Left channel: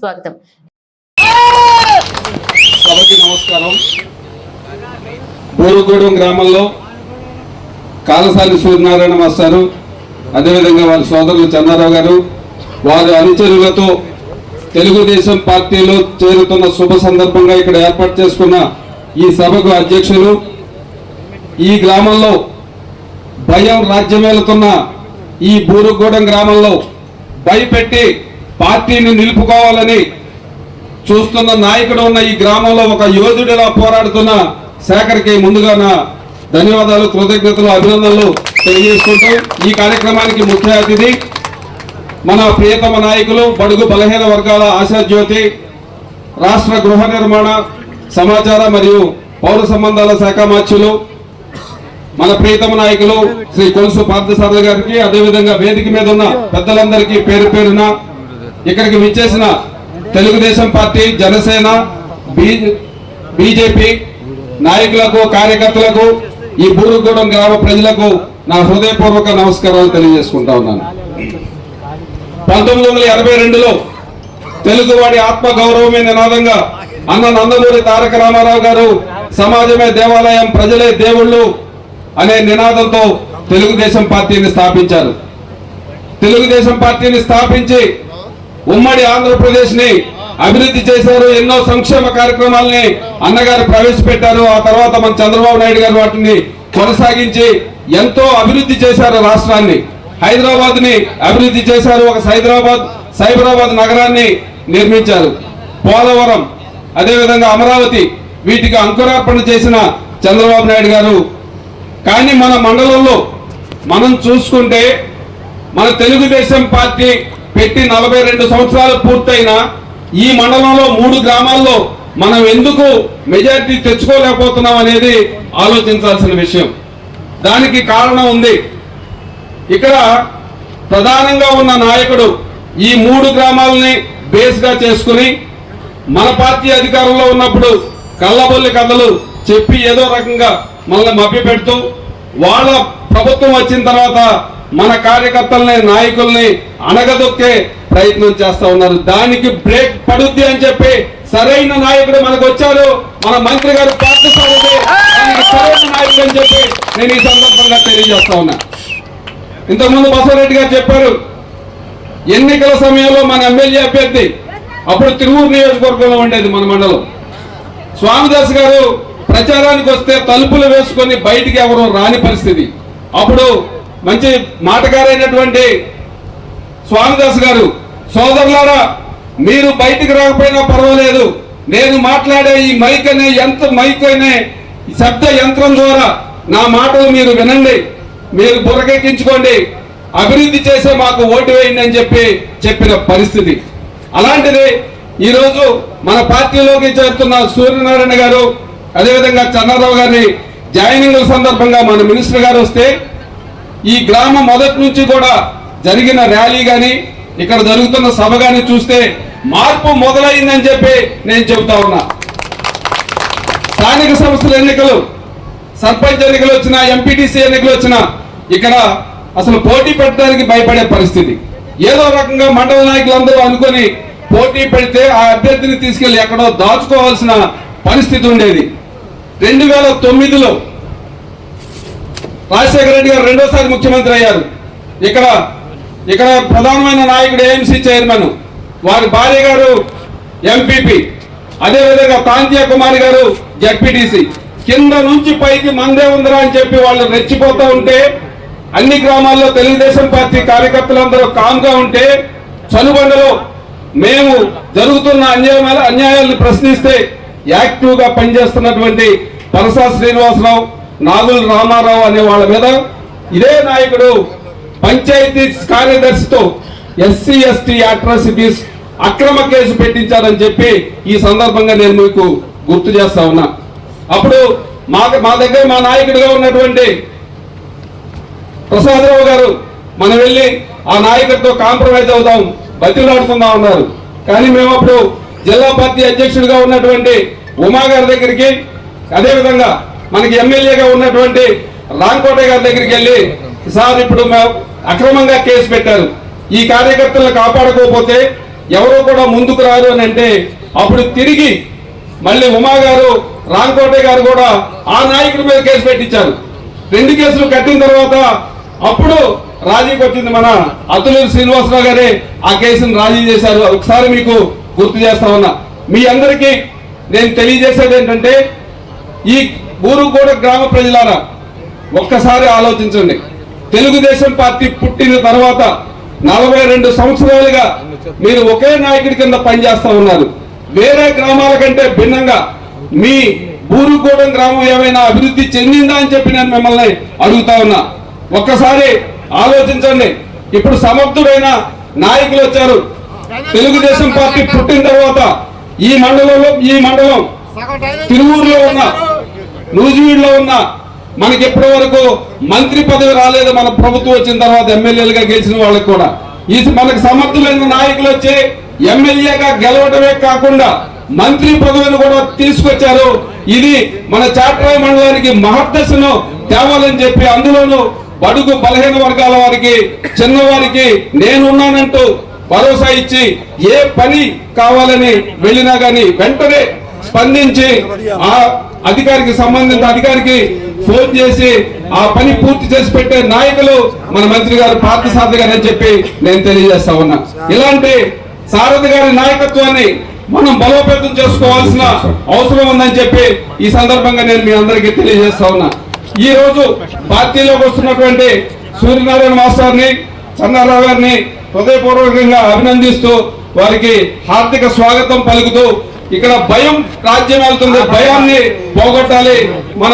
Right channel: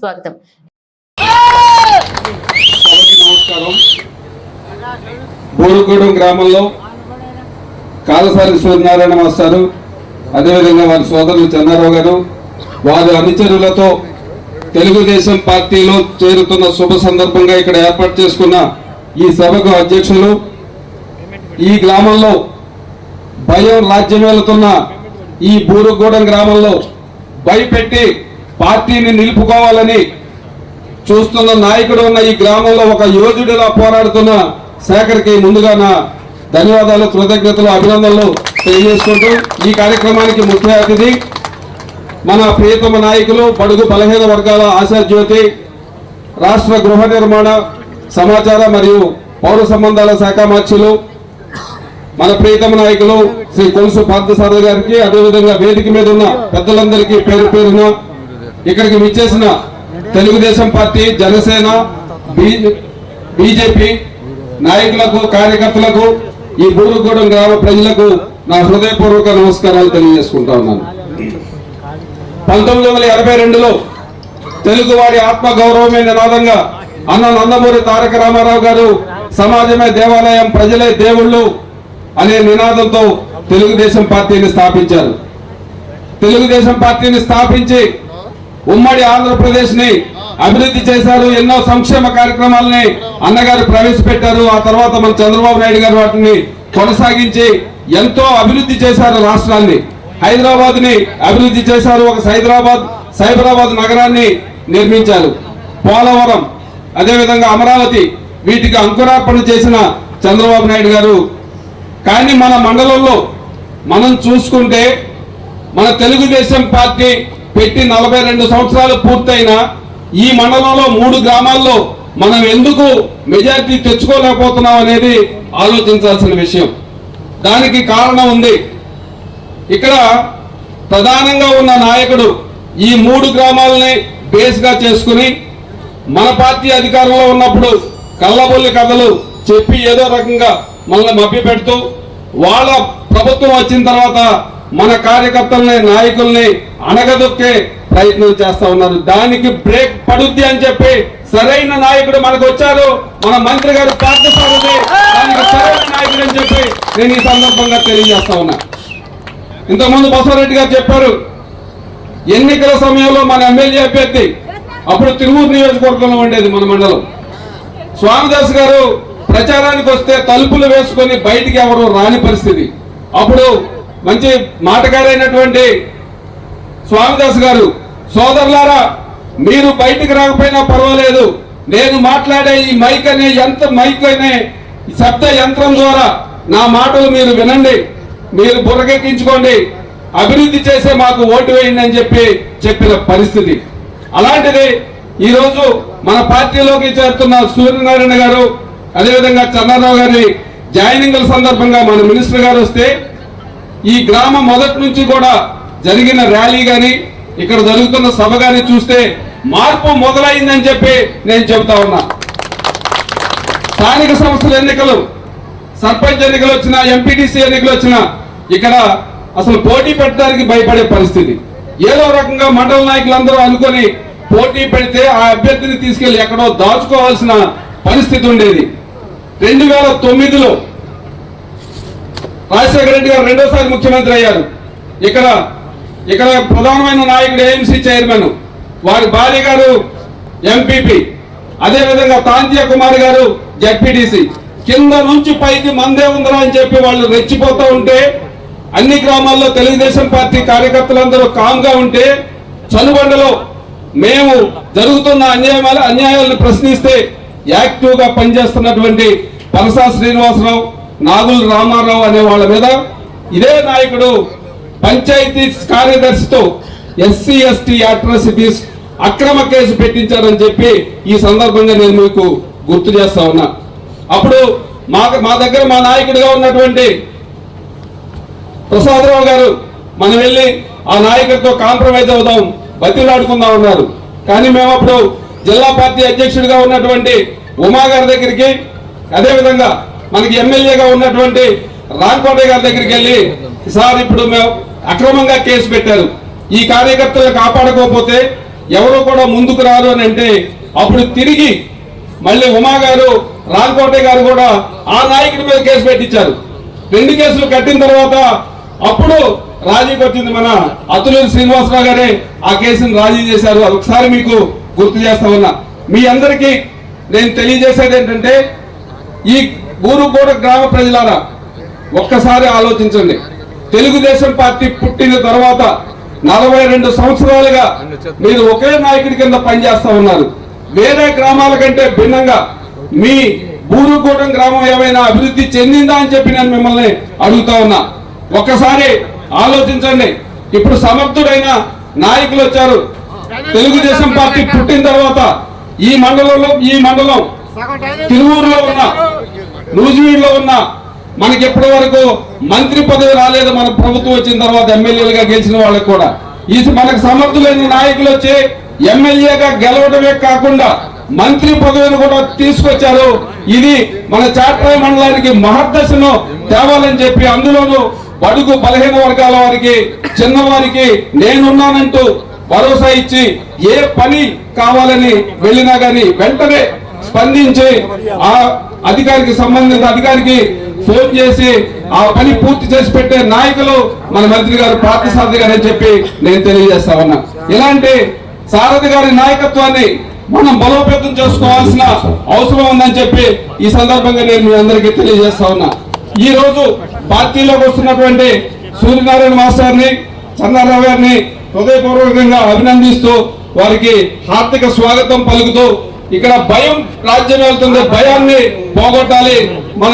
స్వాగతం. నమస్కారం. బోరుగూడెం గ్రామంలో కాలసాని సూర్యనారాయణ మాస్టారు అదేవిధంగా వారి సోదరులు చంద్రరావు గారు వారి అనుచరులతో తెలుగుదేశం పార్టీలో చేరుతున్న శుభ సందర్భంగా ఇక్కడ ఏర్పాటు చేసుకున్న ఈ సభకు అధ్యక్షులు ఈ గ్రామంలో భయం రాజ్యమేలుతున్న ఈ బూరుగూడెం గ్రామంలో భయపెట్టి పార్టీని నిలుపుకోవాలని చూస్తున్న నాయకుడు ఉన్న ఈ గ్రామంలో ఒక యోధుడిలా పోరాడుతున్న శేఖర్కి ముందుగా నా ధన్యవాదాలు కృతజ్ఞతలు అభినందనలు తెలియజేసుకుంటూ ఈ కార్యక్రమానికి ముఖ్య అతిథి మన ప్రియతమ నాయకులు బడుగు బలహీన వర్గాల ఆశాజ్యోతి రాష్ట్ర గృహ నిర్మాణ సమాచార మరియు పౌర సంబంధాల శాఖ మార్చులు మన ప్రియతమ నాయకులు శ్రీ కొలుసు పార్థసారథి గారికి అదేవిధంగా వేదిక మీద ఉన్న పెద్దలందరికీ పేరు పేరున ఇక్కడికి విచ్చేసిన తెలుగుదేశం పార్టీ జనసేన బీజేపీ నాయకులకు కార్యకర్తలకు ఈ బూరుగూడెం గ్రామ ప్రజలకు నా హృదయపూర్వక నమస్కారాలు తెలియజేసుకుంటా ఉన్నాను. పంతొమ్మిది వందల ఎనభై రెండులో తెలుగువాడి ఆత్మ గౌరవమే నినాదంగా అన్న నందమూరి తారక రామారావు గారు సమాజమే దేవాలయం ప్రజలే దేవుళ్ళు అనే నినాదంతో తెలుగుదేశం పార్టీని స్థాపించారు. తెలుగుదేశం పార్టీని స్థాపించి ఉమ్మడి ఆంధ్రప్రదేశ్ని అభివృద్ధి చేశారు ఎన్నో సంక్షేమ కార్యక్రమాలని అన్నగారు ప్రవేశపెట్టారు. ఆ తర్వాత మన చంద్రబాబు నాయుడు గారు వాటిని కొనసాగించి ఎంతో అభివృద్ధి చేశారు రాష్ట్రాన్ని. హైదరాబాద్ని అభివృద్ధి చేశారు. ఒక సైదరాబాద్ సైబరాబాద్ నగరాన్ని నిర్మించారు. పోలవరం అదేవిధంగా అమరావతి వీటికి అంకురార్పణ చేసిన చంద్రబాబు నాయుడు గారు. కానీ మన మండలంలో మనం చూసుకుంటే మన తెలుగుదేశం పార్టీ పెట్టి నలభై రెండు సంవత్సరాలు పూర్తయిన ఈ మండలంలో మూడు గ్రామాల్లో మనం ఎందుకు మెజారిటీ తెచ్చుకోలేకపోతున్నాం అనేది ఆలోచించాల్సిన విషయం. దానికి కారణం ఉంది. ఇక్కడ ప్రధానంగా ఉన్న నాయకుడు ఈ మూడు గ్రామాలని బేస్గా చేసుకుని మన పార్టీ అధికారంలో ఉన్నప్పుడు కళ్ళబొల్లి కథలు చెప్పి ఏదో రకంగా మనల్ని మభ్య పెడుతూ వాళ్ళ ప్రభుత్వం వచ్చిన తర్వాత మన కార్యకర్తల్ని నాయకుల్ని అనగదొక్కే ప్రయత్నం చేస్తా ఉన్నారు. దానికి బ్రేక్ పడుద్ది అని చెప్పి సరైన నాయకుడు మనకు వచ్చారు. మన మంత్రి గారు పార్థసారథి దానికి సరైన నాయకుడు అని చెప్పి నేను ఈ సందర్భంగా తెలియజేస్తా ఉన్నా. ఇంతకుముందు బసవరెడ్డి గారు చెప్పారు ఎన్నికల సమయంలో మన ఎమ్మెల్యే అభ్యర్థి అప్పుడు తిరువూరు నియోజకవర్గంలో ఉండేది మన మండలం. స్వామిదాస్ గారు ప్రచారానికి వస్తే తలుపులు వేసుకొని బయటికి ఎవరు రాని పరిస్థితి. అప్పుడు మంచి మాటగారైనటువంటి స్వామిదాస్ గారు సోదరులారా మీరు బయటికి రాకపోయినా పర్వాలేదు. నేను మాట్లాడే ఈ మైక్ అనే ఎంత మైక్ అనే శబ్ద యంత్రం ద్వారా నా మాటలు మీరు వినండి. మీరు బుర్రకెక్కించుకోండి. అభివృద్ధి చేసే మాకు ఓటు వేయండి అని చెప్పి చెప్పిన పరిస్థితి. అలాంటిది ఈరోజు మన పార్టీలోకి చేరుతున్న సూర్యనారాయణ గారు అదేవిధంగా చంద్రరావు గారి జాయినింగ్ సందర్భంగా మన మినిస్టర్ గారు వస్తే ఈ గ్రామం మొదటి నుంచి కూడా జరిగిన ర్యాలీ కానీ ఇక్కడ జరుగుతున్న సభ కానీ చూస్తే మార్పు మొదలైందని చెప్పి నేను చెబుతా ఉన్నా. స్థానిక సంస్థల ఎన్నికలు సర్పంచ్ ఎన్నికలు వచ్చినా ఎంపీటీసీ ఎన్నికలు వచ్చినా ఇక్కడ అసలు పోటీ పెట్టడానికి భయపడే పరిస్థితి. ఏదో రకంగా మండల నాయకులందరూ అనుకొని పోటీ పెడితే ఆ అభ్యర్థిని తీసుకెళ్ళి ఎక్కడో దాచుకోవాల్సిన పరిస్థితి ఉండేది. రెండు వేల తొమ్మిదిలో రాజశేఖర రెడ్డి గారు రెండోసారి ముఖ్యమంత్రి అయ్యారు. ఇక్కడ ఇక్కడ ప్రధానమైన నాయకుడు ఏఎంసీ చైర్మన్ వారి భార్య గారు ఎంపీపీ అదేవిధంగా తాంతియా కుమారి గారు జడ్పీటీసీ. కింద నుంచి పైకి మందే ఉందరా అని చెప్పి వాళ్ళు రెచ్చిపోతూ ఉంటే అన్ని గ్రామాల్లో తెలుగుదేశం పార్టీ కార్యకర్తలందరూ కామ్గా ఉంటే చనుబండలో మేము జరుగుతున్న అన్యాయ అన్యాయాలను ప్రశ్నిస్తే యాక్టివ్గా పనిచేస్తున్నటువంటి పరసా శ్రీనివాసరావు నాగుల రామారావు అనే వాళ్ళ మీద ఇదే నాయకుడు పంచాయతీ కార్యదర్శితో ఎస్సీ ఎస్టీ అట్రాసిటీస్ అక్రమ కేసు పెట్టించారని చెప్పి ఈ సందర్భంగా నేను మీకు గుర్తు చేస్తా ఉన్నా. అప్పుడు మా మా దగ్గర మా నాయకుడిగా ఉన్నటువంటి ప్రసాదరావు గారు మనం వెళ్ళి ఆ నాయకుడితో కాంప్రమైజ్ అవుదాం బతిలాడుకుందాం అన్నారు. కానీ మేము అప్పుడు జిల్లా పార్టీ అధ్యక్షుడిగా ఉన్నటువంటి ఉమా గారి దగ్గరికి అదేవిధంగా మనకి ఎమ్మెల్యేగా ఉన్నటువంటి రాంకోట గారి దగ్గరికి వెళ్ళి సార్ ఇప్పుడు మేము అక్రమంగా కేసు పెట్టారు. ఈ కార్యకర్తలను కాపాడుకోకపోతే ఎవరు కూడా ముందుకు రారు అని అంటే అప్పుడు తిరిగి మళ్ళీ ఉమా గారు రాంకోటే గారు కూడా ఆ నాయకుడి మీద కేసు పెట్టించారు. రెండు కేసులు కట్టిన తర్వాత అప్పుడు రాజీకి వచ్చింది మన అతులూరి శ్రీనివాసరావు గారే ఆ కేసును రాజీ చేశారు. అది ఒకసారి మీకు గుర్తు చేస్తా ఉన్నా. మీ అందరికీ నేను తెలియజేసేది ఏంటంటే ఈ ఊరుగూడ గ్రామ ప్రజలారా ఒక్కసారి ఆలోచించండి. తెలుగుదేశం పార్టీ పుట్టిన తర్వాత నలభై రెండు సంవత్సరాలుగా మీరు ఒకే నాయకుడి కింద పనిచేస్తా ఉన్నారు. వేరే గ్రామాల కంటే భిన్నంగా మీ బూరుగూడెం గ్రామం ఏమైనా అభివృద్ధి చెందిందా అని చెప్పి నేను మిమ్మల్ని అడుగుతా ఉన్నా. ఒక్కసారి ఆలోచించండి. ఇప్పుడు సమర్థుడైన నాయకులు వచ్చారు. తెలుగుదేశం పార్టీ పుట్టిన తర్వాత ఈ మండలంలో ఈ మండలం తిరువూరులో ఉన్న నూజివీడులో ఉన్న మనకి ఎప్పటి వరకు మంత్రి పదవి రాలేదు మన ప్రభుత్వం వచ్చిన తర్వాత ఎమ్మెల్యేలుగా గెలిచిన వాళ్ళకి కూడా. ఈ మనకు సమర్థులైన నాయకులు వచ్చి ఎమ్మెల్యేగా గెలవడమే కాకుండా మంత్రి పదవిని కూడా తీసుకొచ్చారు. ఇది మన చాట్రాయ మండలానికి మహర్దశను తేవాలని చెప్పి అందులోనూ బడుగు బలహీన వర్గాల వారికి చిన్నవారికి నేనున్నానంటూ భరోసా ఇచ్చి ఏ పని కావాలని వెళ్ళినా గాని వెంటనే స్పందించి ఆ అధికారికి సంబంధిత అధికారికి ఫోన్ చేసి ఆ పని పూర్తి చేసి పెట్టే నాయకులు మన మంత్రి గారు పార్థసారథి గారు అని చెప్పి నేను తెలియజేస్తా ఉన్నా. ఇలాంటి సారథి గారి నాయకత్వాన్ని మనం బలోపేతం చేసుకోవాల్సిన అవసరం ఉందని చెప్పి ఈ సందర్భంగా నేను మీ అందరికీ తెలియజేస్తా ఉన్నా. ఈ రోజు పార్టీలోకి వస్తున్నటువంటి సూర్యనారాయణ మాస్టర్ని చంద్రరావు గారిని హృదయపూర్వకంగా అభినందిస్తూ వారికి హార్దిక స్వాగతం పలుకుతూ ఇక్కడ భయం రాజ్యం వెళ్తుంది. భయాన్ని పోగొట్టాలి మన